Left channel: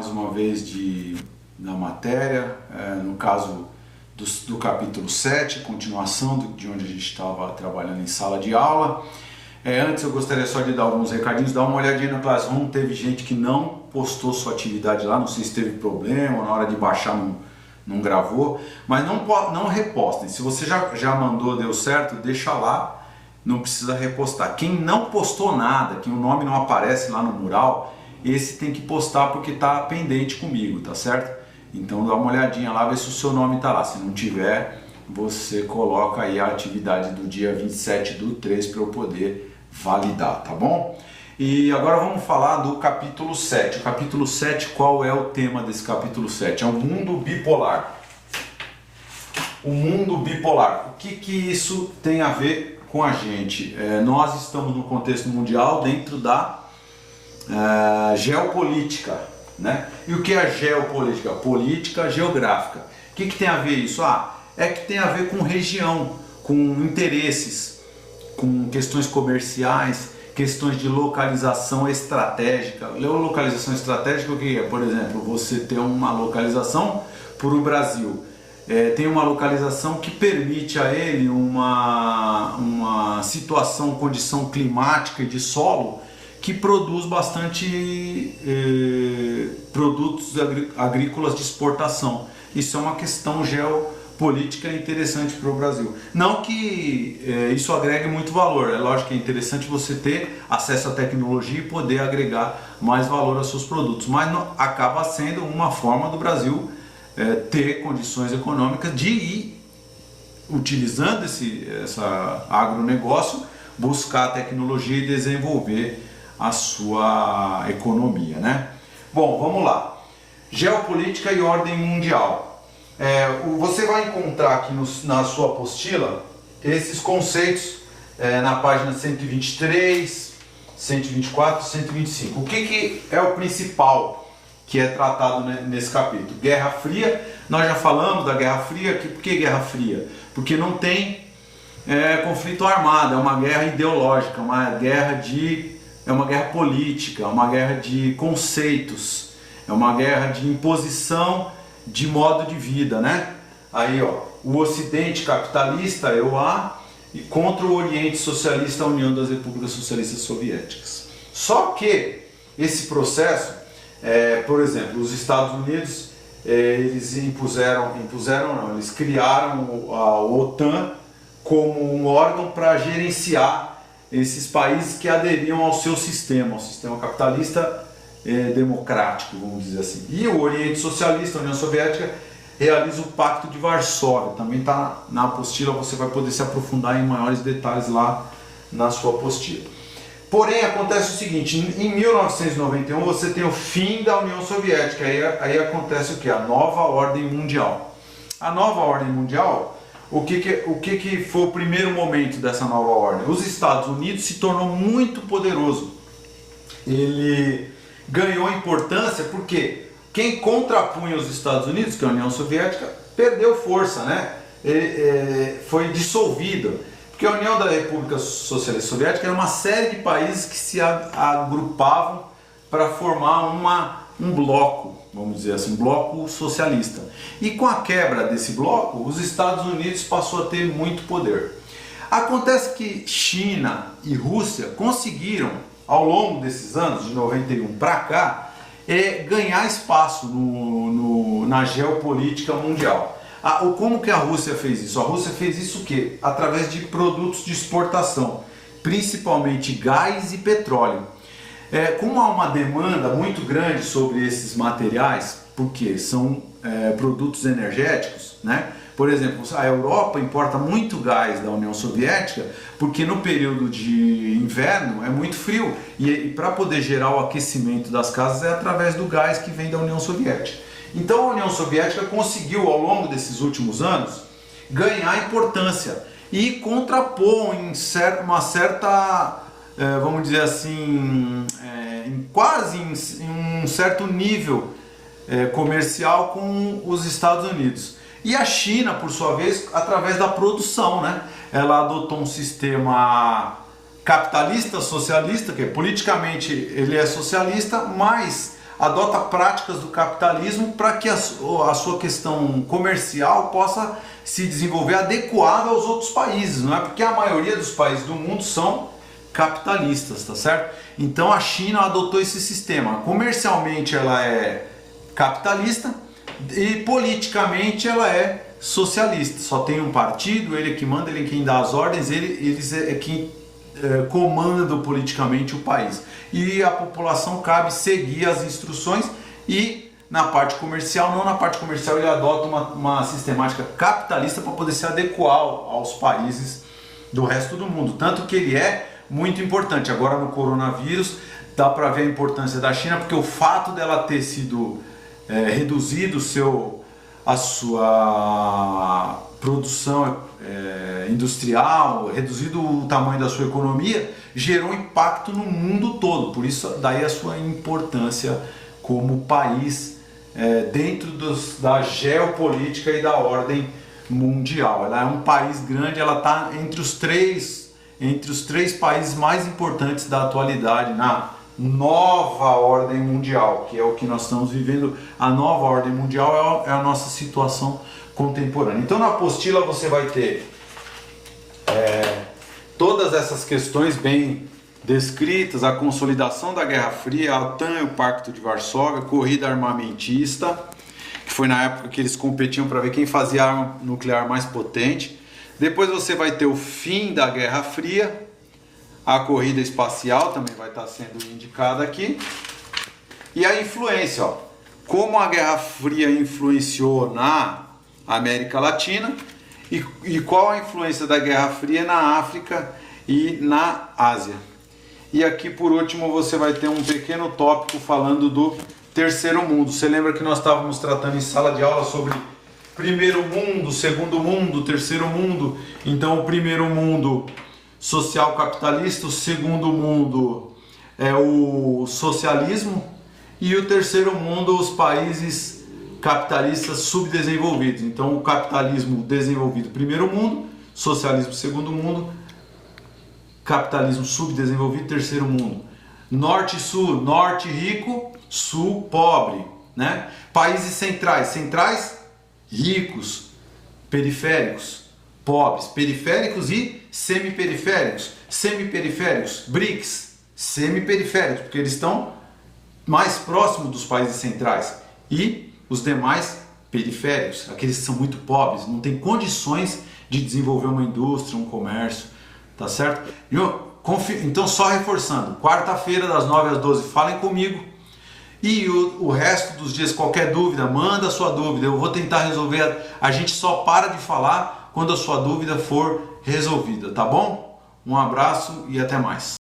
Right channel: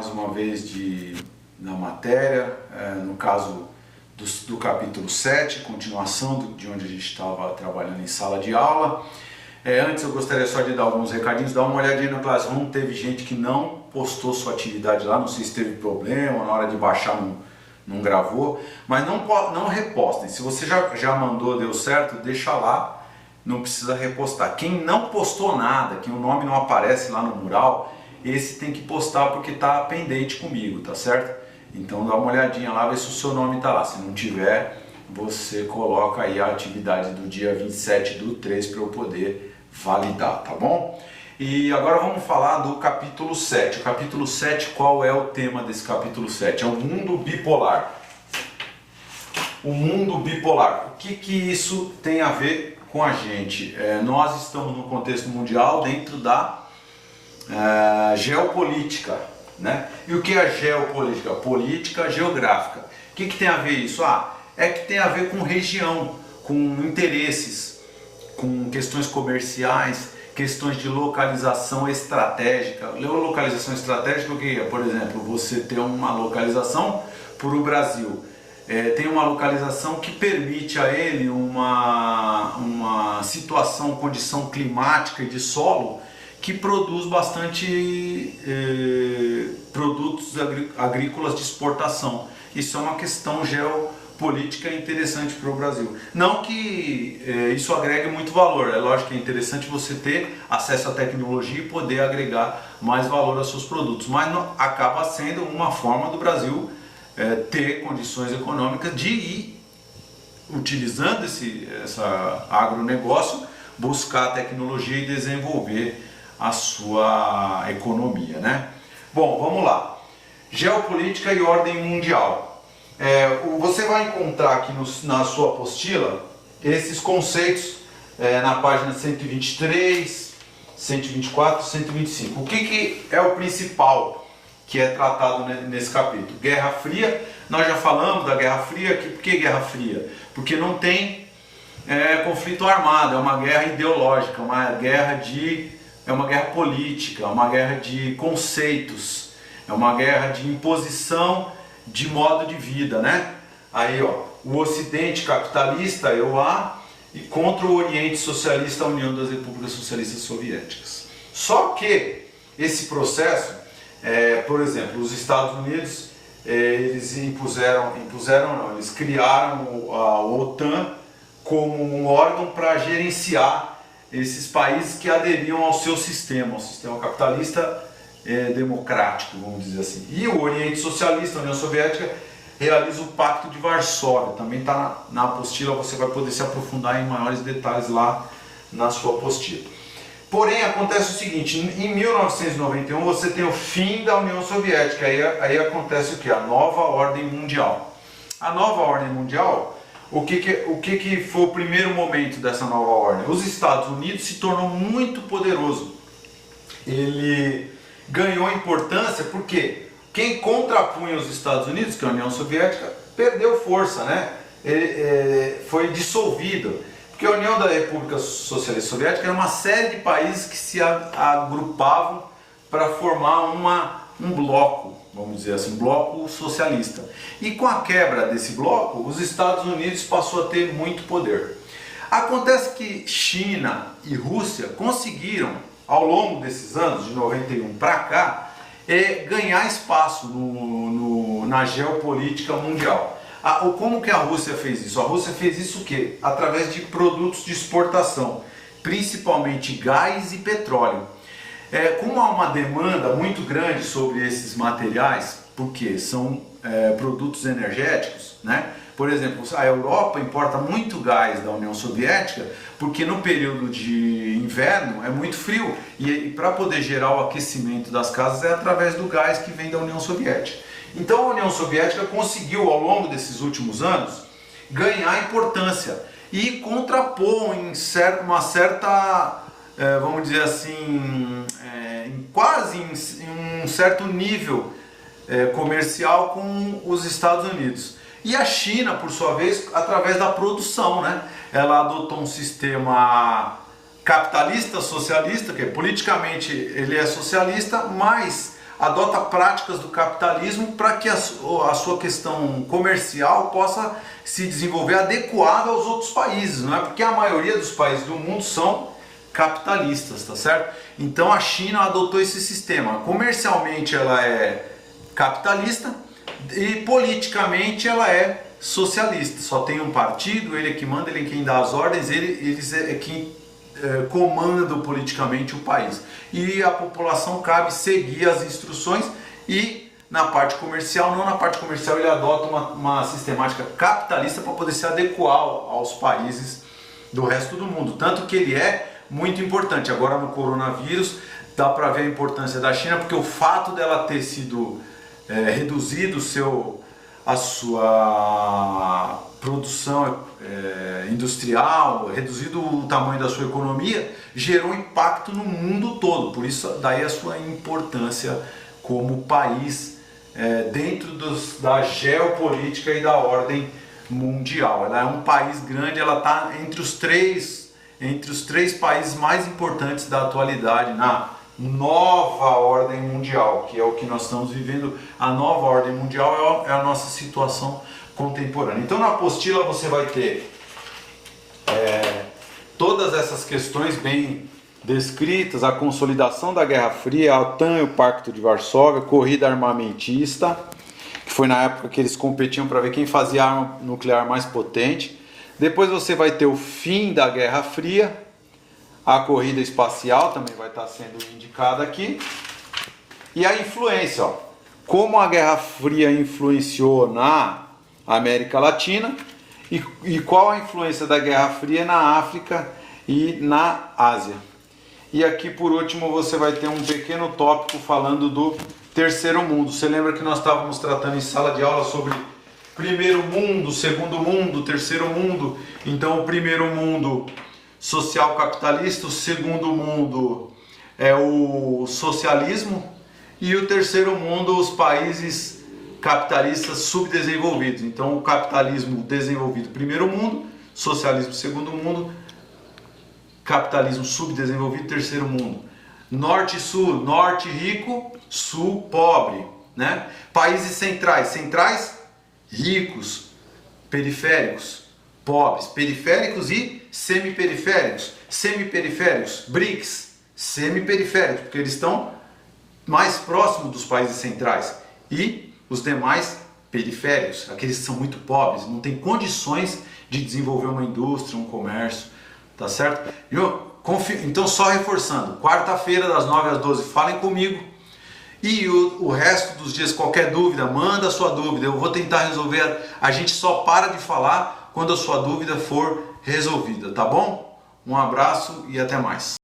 mais uma vez na matéria, no caso do capítulo 7, continuação de onde a gente estava trabalhando em sala de aula. Antes eu gostaria só de dar alguns recadinhos, dar uma olhadinha no Classroom. Teve gente que não postou sua atividade lá, não sei se teve problema, na hora de baixar não gravou, mas não repostem. Se você já mandou, deu certo, deixa lá, não precisa repostar. Quem não postou nada, que o nome não aparece lá no mural, esse tem que postar porque está pendente comigo, tá certo? Então dá uma olhadinha lá, vê se o seu nome está lá. Se não tiver, você coloca aí a atividade do dia 27/3 para eu poder validar, tá bom? E agora vamos falar do capítulo 7. O capítulo 7, qual é o tema desse capítulo 7? É o mundo bipolar. O mundo bipolar. O que isso tem a ver com a gente? Nós estamos no contexto mundial dentro da geopolítica, né? E o que é a geopolítica? Política geográfica. O que tem a ver isso? É que tem a ver com região, com interesses, com questões comerciais, questões de localização estratégica. Localização estratégica, o que é? Por exemplo, você ter uma localização para o Brasil. Tem uma localização que permite a ele uma situação, condição climática e de solo que produz bastante produtos agrícolas de exportação. Isso é uma questão geopolítica interessante para o Brasil. Não que isso agregue muito valor, é lógico que é interessante você ter acesso à tecnologia e poder agregar mais valor aos seus produtos, mas acaba sendo uma forma do Brasil ter condições econômicas de ir utilizando essa agronegócio, buscar a tecnologia e desenvolver a sua economia, né? Bom, vamos lá. Geopolítica e ordem mundial. Você vai encontrar aqui na sua apostila esses conceitos na página 123, 124, 125. O que é o principal que é tratado nesse capítulo? Guerra Fria. Nós já falamos da Guerra Fria. Por que Guerra Fria? Porque não tem conflito armado, é uma guerra ideológica, é uma guerra política, é uma guerra de conceitos, é uma guerra de imposição de modo de vida, né? Aí, o Ocidente capitalista, EUA, e contra o Oriente socialista, a União das Repúblicas Socialistas Soviéticas. Só que esse processo, por exemplo, os Estados Unidos, eles eles criaram a OTAN como um órgão para gerenciar esses países que aderiam ao seu sistema, ao sistema capitalista democrático, vamos dizer assim. E o Oriente Socialista, a União Soviética, realiza o Pacto de Varsóvia. Também está na apostila, você vai poder se aprofundar em maiores detalhes lá na sua apostila. Porém, acontece o seguinte, em 1991 você tem o fim da União Soviética, aí acontece o que? A nova ordem mundial. A nova ordem mundial, o que foi o primeiro momento dessa nova ordem? Os Estados Unidos se tornou muito poderoso. Ele ganhou importância porque quem contrapunha os Estados Unidos, que é a União Soviética, perdeu força, né? Foi dissolvida. Porque a União da República Socialista Soviética era uma série de países que se agrupavam para formar um bloco, vamos dizer assim, um bloco socialista. E com a quebra desse bloco, os Estados Unidos passou a ter muito poder. Acontece que China e Rússia conseguiram, ao longo desses anos, de 91 para cá, ganhar espaço na geopolítica mundial. Como que a Rússia fez isso? A Rússia fez isso o quê? Através de produtos de exportação, principalmente gás e petróleo. Como há uma demanda muito grande sobre esses materiais, porque são produtos energéticos, né? Por exemplo, a Europa importa muito gás da União Soviética, porque no período de inverno é muito frio, e para poder gerar o aquecimento das casas é através do gás que vem da União Soviética. Então a União Soviética conseguiu, ao longo desses últimos anos, ganhar importância e contrapor em uma certa, vamos dizer assim, quase em um certo nível comercial com os Estados Unidos. E a China, por sua vez, através da produção, né? Ela adotou um sistema capitalista, socialista, que politicamente ele é socialista, mas adota práticas do capitalismo para que a sua questão comercial possa se desenvolver adequada aos outros países, não é? Porque a maioria dos países do mundo são capitalistas, tá certo? Então a China adotou esse sistema. Comercialmente ela é capitalista e politicamente ela é socialista. Só tem um partido, ele é que manda, ele é quem dá as ordens, eles é quem comandam politicamente o país. E a população cabe seguir as instruções e na parte comercial, não na parte comercial, ele adota uma sistemática capitalista para poder se adequar aos países do resto do mundo. Tanto que ele é muito importante. Agora no coronavírus dá para ver a importância da China, porque o fato dela ter sido reduzido a sua produção industrial, reduzido o tamanho da sua economia, gerou impacto no mundo todo. Por isso daí a sua importância como país dentro da geopolítica e da ordem mundial. Ela é um país grande, ela está entre os três países mais importantes da atualidade na nova ordem mundial, que é o que nós estamos vivendo. A nova ordem mundial é a nossa situação contemporânea. Então na apostila você vai ter todas essas questões bem descritas: a consolidação da Guerra Fria, a OTAN e o Pacto de Varsóvia, corrida armamentista, que foi na época que eles competiam para ver quem fazia a arma nuclear mais potente. Depois você vai ter o fim da Guerra Fria, a corrida espacial também vai estar sendo indicada aqui, e a influência, como a Guerra Fria influenciou na América Latina e qual a influência da Guerra Fria na África e na Ásia. E aqui por último você vai ter um pequeno tópico falando do terceiro mundo. Você lembra que nós estávamos tratando em sala de aula sobre primeiro mundo, segundo mundo, terceiro mundo? Então o primeiro mundo social capitalista, o segundo mundo é o socialismo e o terceiro mundo os países capitalistas subdesenvolvidos. Então o capitalismo desenvolvido, primeiro mundo; socialismo, segundo mundo; capitalismo subdesenvolvido, terceiro mundo. Norte e sul, norte rico, sul pobre, né? Países centrais, ricos; periféricos, pobres; periféricos e semiperiféricos; BRICS, semiperiféricos, porque eles estão mais próximos dos países centrais, e os demais periféricos, aqueles que são muito pobres, não têm condições de desenvolver uma indústria, um comércio, tá certo? Então só reforçando, quarta-feira das 9 às 12, falem comigo. E o resto dos dias, qualquer dúvida, manda a sua dúvida, eu vou tentar resolver. A gente só para de falar quando a sua dúvida for resolvida, tá bom? Um abraço e até mais.